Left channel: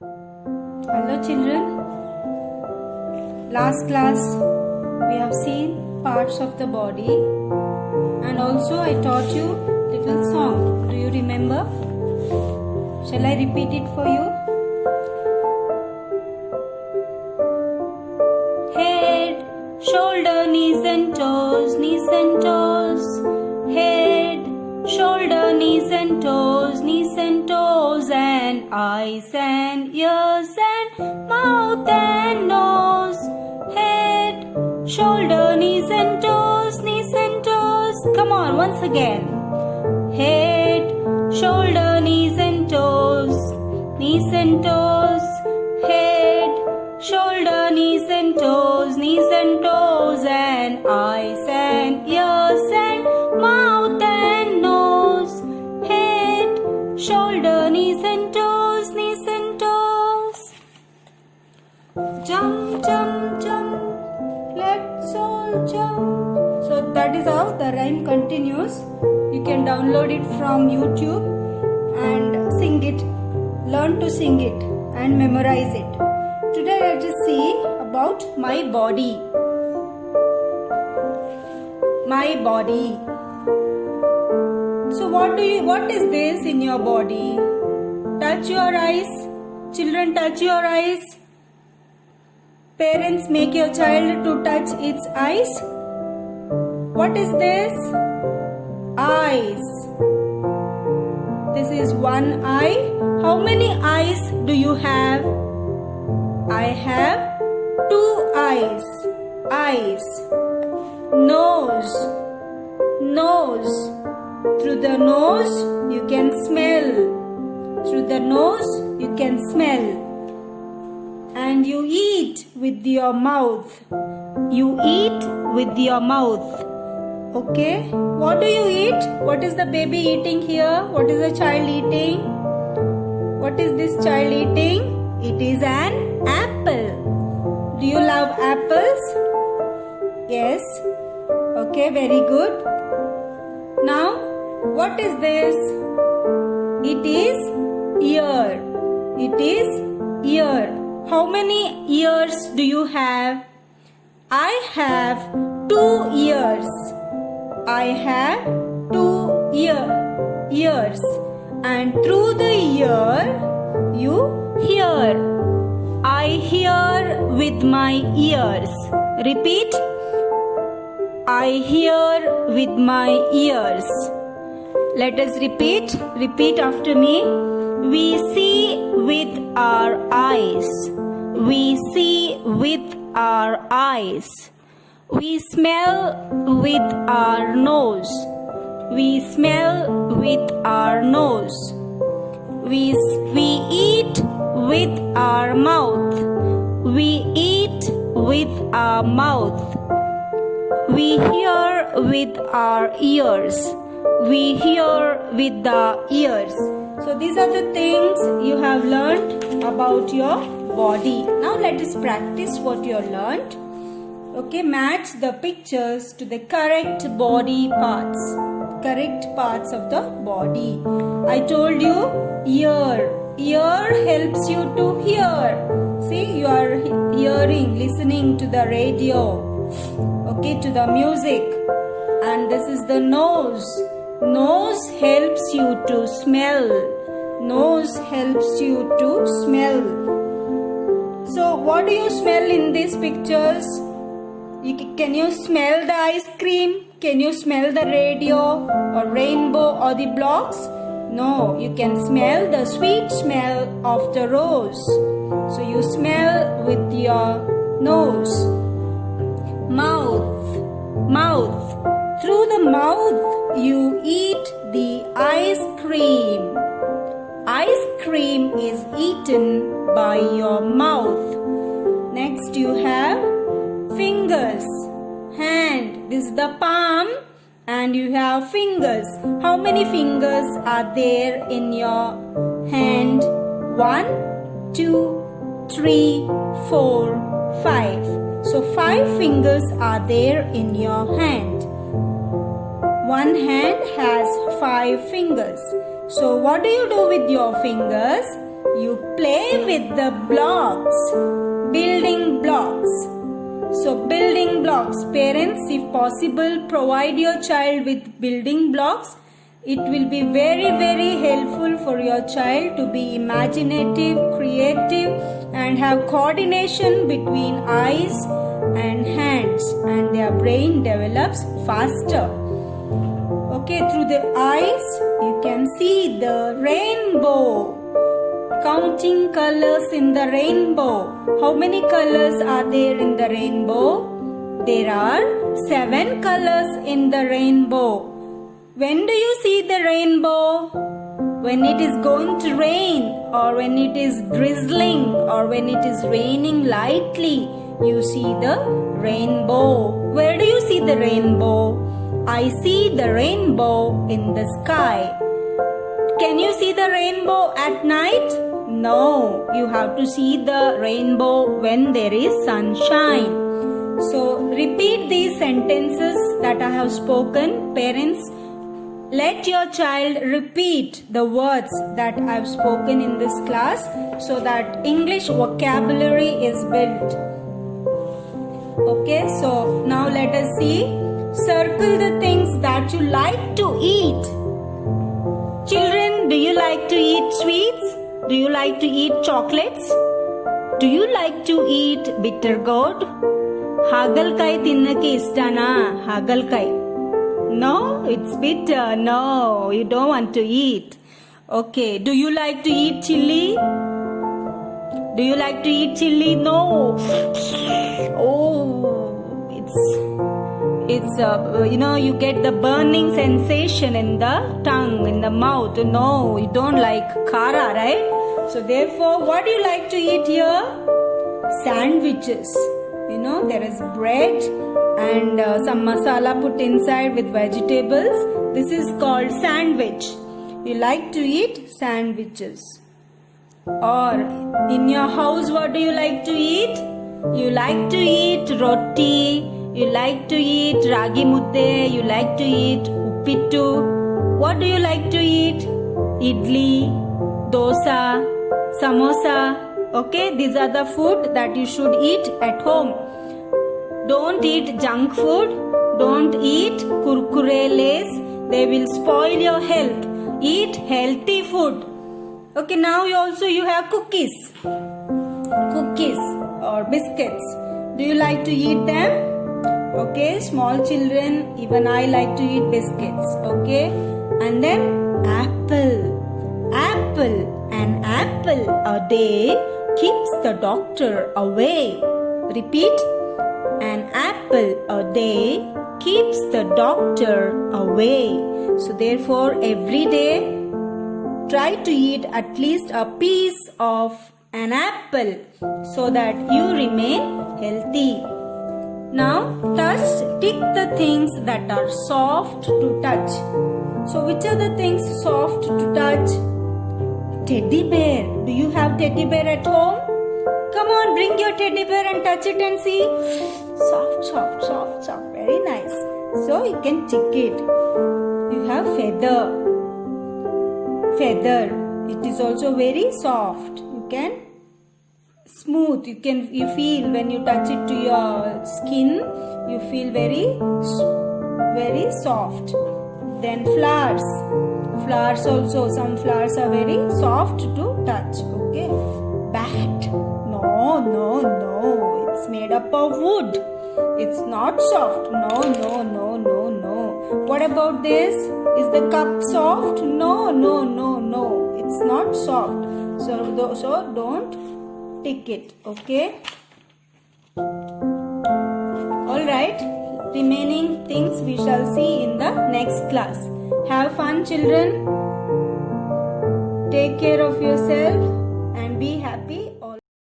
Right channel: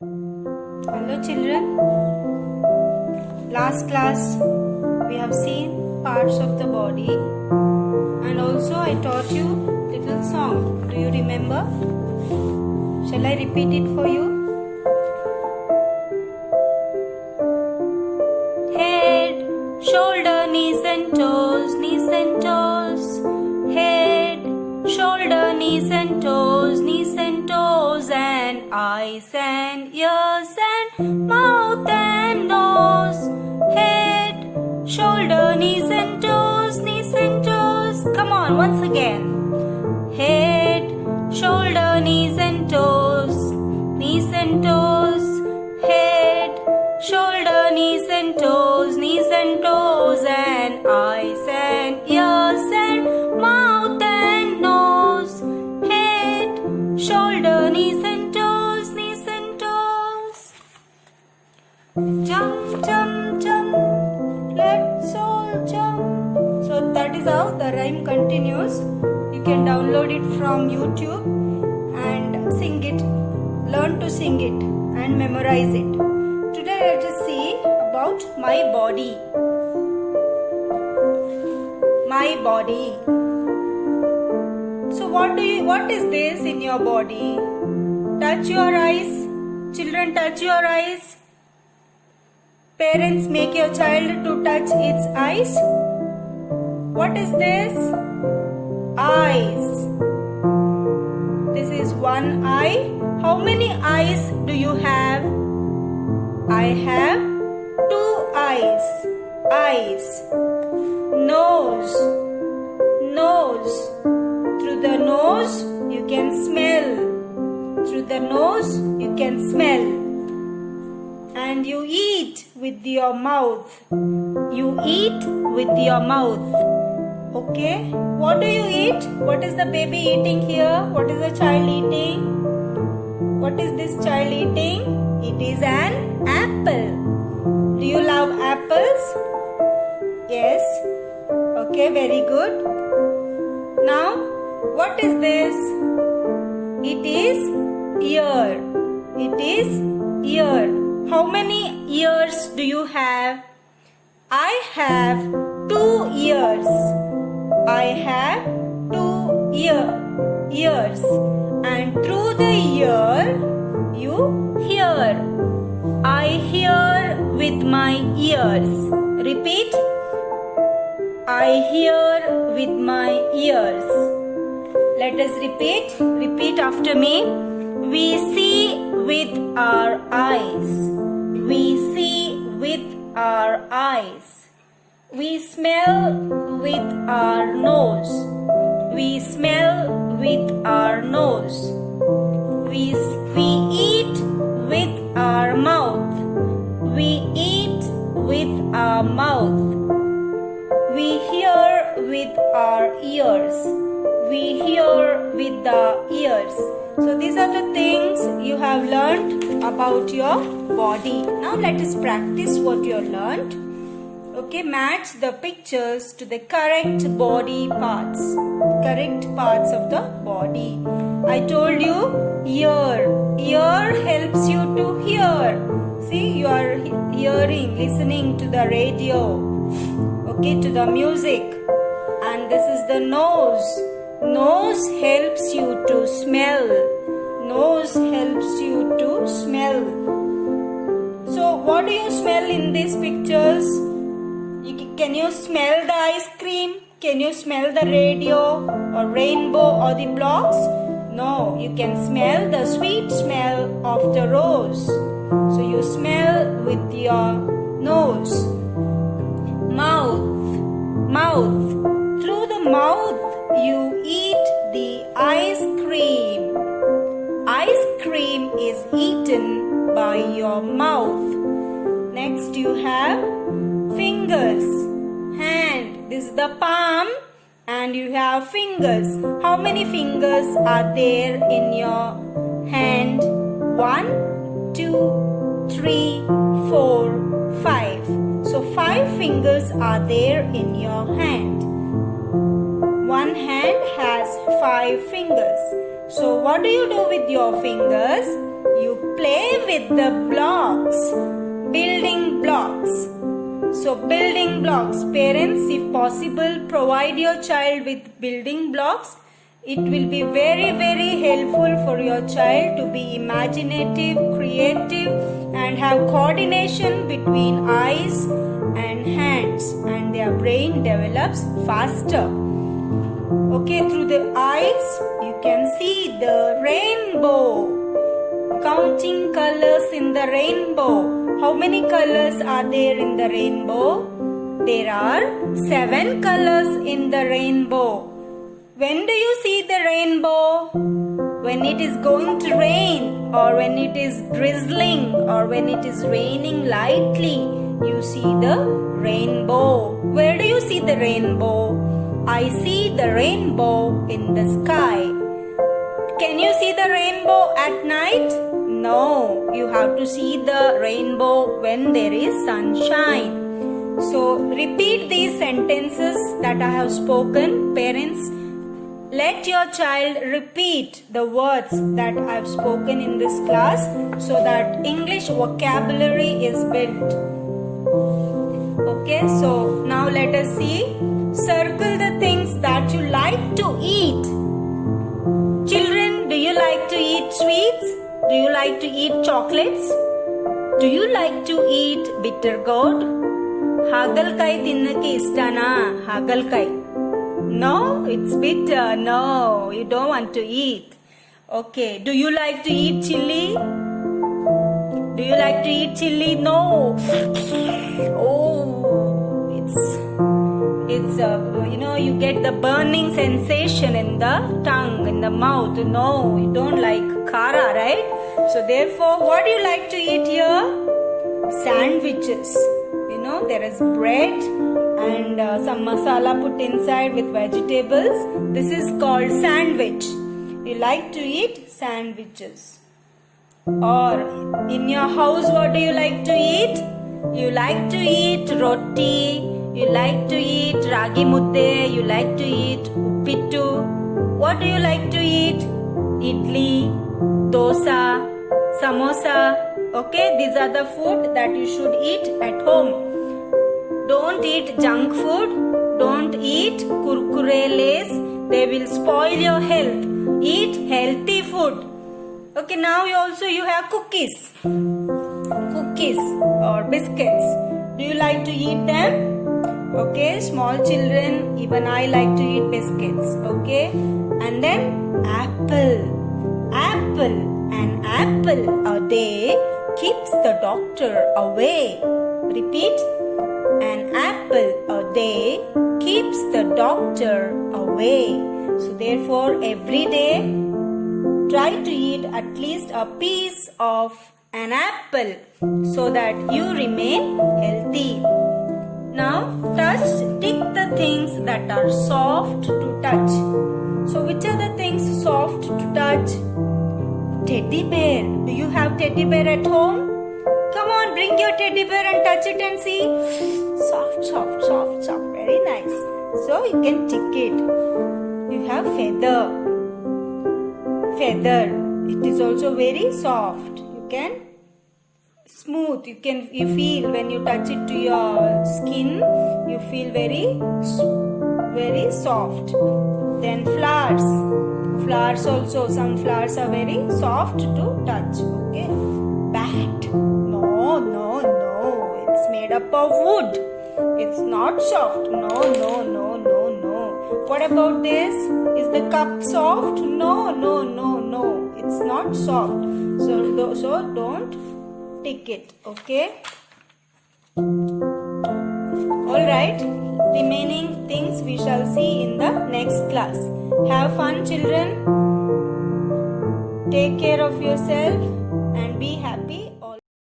Hello children. Last class we have seen parts of the body and also I taught you little song. Do you remember? Shall I repeat it for you? Head, shoulder, knees and toes, knees and toes. Head, shoulder, knees and toes, knees and toes, and eyes and ears and mouth and nose. Head, shoulder, knees and toes, knees and toes. Come on, once again. Head, shoulder, knees and toes, knees and toes. Head, shoulder, knees and toes, knees and toes, and eyes and ears and mouth and nose. Head, shoulder, knees and toes, knees and toes. Jump, jump, jump, let's all jump. So that is how the rhyme continues. You can download it from YouTube and sing it, learn to sing it and memorize it. Today let us see about my body. My body. So what is this in your body? Touch your eyes. Children, touch your eyes. Parents, make your child to touch its eyes. What is this? Eyes. This is one eye. How many eyes do you have? I have two eyes. Eyes. Nose. Nose. Through the nose you can smell. Through the nose you can smell. And you eat with your mouth. You eat with your mouth. Okay? What do you eat? What is the baby eating here? What is the child eating? What is this child eating? It is an apple. Do you love apples? Yes. Okay, very good. Now, what is this? It is ear. It is ear. How many ears do you have? I have 2 ears. I have 2 ears. And through the ear, you hear. I hear with my ears. Repeat. I hear with my ears. Let us repeat. Repeat after me. We see with our eyes. We see with our eyes. We smell with our nose. We smell with our nose. We eat with our mouth. We eat with our mouth. We hear with our ears. We hear with the ears. So these are the things you have learned about your body. Now let us practice what you have learned. Okay, match the pictures to the correct body parts. Correct parts of the body. I told you ear. Ear helps you to hear. See, you are hearing, listening to the radio. Okay, to the music. And this is the nose. Nose helps you to smell. Nose helps you to smell. So what do you smell in these pictures? Can you smell the ice cream? Can you smell the radio or rainbow or the blocks? No, you can smell the sweet smell of the rose. So you smell with your nose. Mouth. Mouth. Through the mouth you eat the ice cream. Ice cream is eaten by your mouth. Next you have fingers. Hand. This is the palm and you have fingers. How many fingers are there in your hand? 1, 2, 3, 4, 5. So 5 fingers are there in your hand. One hand has 5 fingers. So what do you do with your fingers? You play with the blocks. Building blocks. So building blocks. Parents, if possible, provide your child with building blocks. It will be very, very helpful for your child to be imaginative, creative, and have coordination between eyes and hands, and their brain develops faster. Okay, through the eyes you can see the rainbow. Counting colors in the rainbow. How many colors are there in the rainbow? There are 7 colors in the rainbow. When do you see the rainbow? When it is going to rain, or when it is drizzling, or when it is raining lightly, you see the rainbow. Where do you see the rainbow? I see the rainbow in the sky. Can you see the rainbow at night? No, you have to see the rainbow when there is sunshine. So repeat these sentences that I have spoken. Parents, let your child repeat the words that I have spoken in this class so that English vocabulary is built. Okay, so now let us see. Circle the things that you like to eat. Children, do you like to eat sweets? Do you like to eat chocolates? Do you like to eat bitter gourd? Hagalkai tinnake istana? Hagalkai. No, it's bitter. No, you don't want to eat. Okay, do you like to eat chili? Do you like to eat chili? No. Oh, it's you get the burning sensation in the tongue, in the mouth. No, you don't like kara, right? So therefore, what do you like to eat here? Sandwiches. There is bread and some masala put inside with vegetables. This is called sandwich. You like to eat sandwiches. Or in your house, what do you like to eat? You like to eat roti. You like to eat ragi mudde. You like to eat uppittu. What do you like to eat? Idli, dosa, samosa. Okay, these are the food that you should eat at home. Don't eat junk food. Don't eat kurkure lays. They will spoil your health. Eat healthy food. Okay, now you have cookies. Cookies or biscuits. Do you like to eat them? Okay, small children, even I like to eat biscuits. Okay, and then apple. Apple. An apple a day keeps the doctor away. Repeat. An apple a day keeps the doctor away. So therefore, every day, try to eat at least a piece of an apple so that you remain healthy. Now, tick the things that are soft to touch. So which are the things soft to touch? Teddy bear. Do you have teddy bear at home? Come on, bring your teddy bear and touch it and see. Soft, soft, soft, soft. Very nice. So you can tick it. You have feather. Feather. It is also very soft. You can smooth. You feel when you touch it to your skin, you feel very soft. Then flowers. Flowers also. Some flowers are very soft to touch. Okay. Bat. No. It's made up of wood. It's not soft. No. What about this? Is the cup soft? No. It's not soft. So don't tick it. Okay. Alright. Remaining things we shall see in the next class. Have fun, children. Take care of yourself and be happy.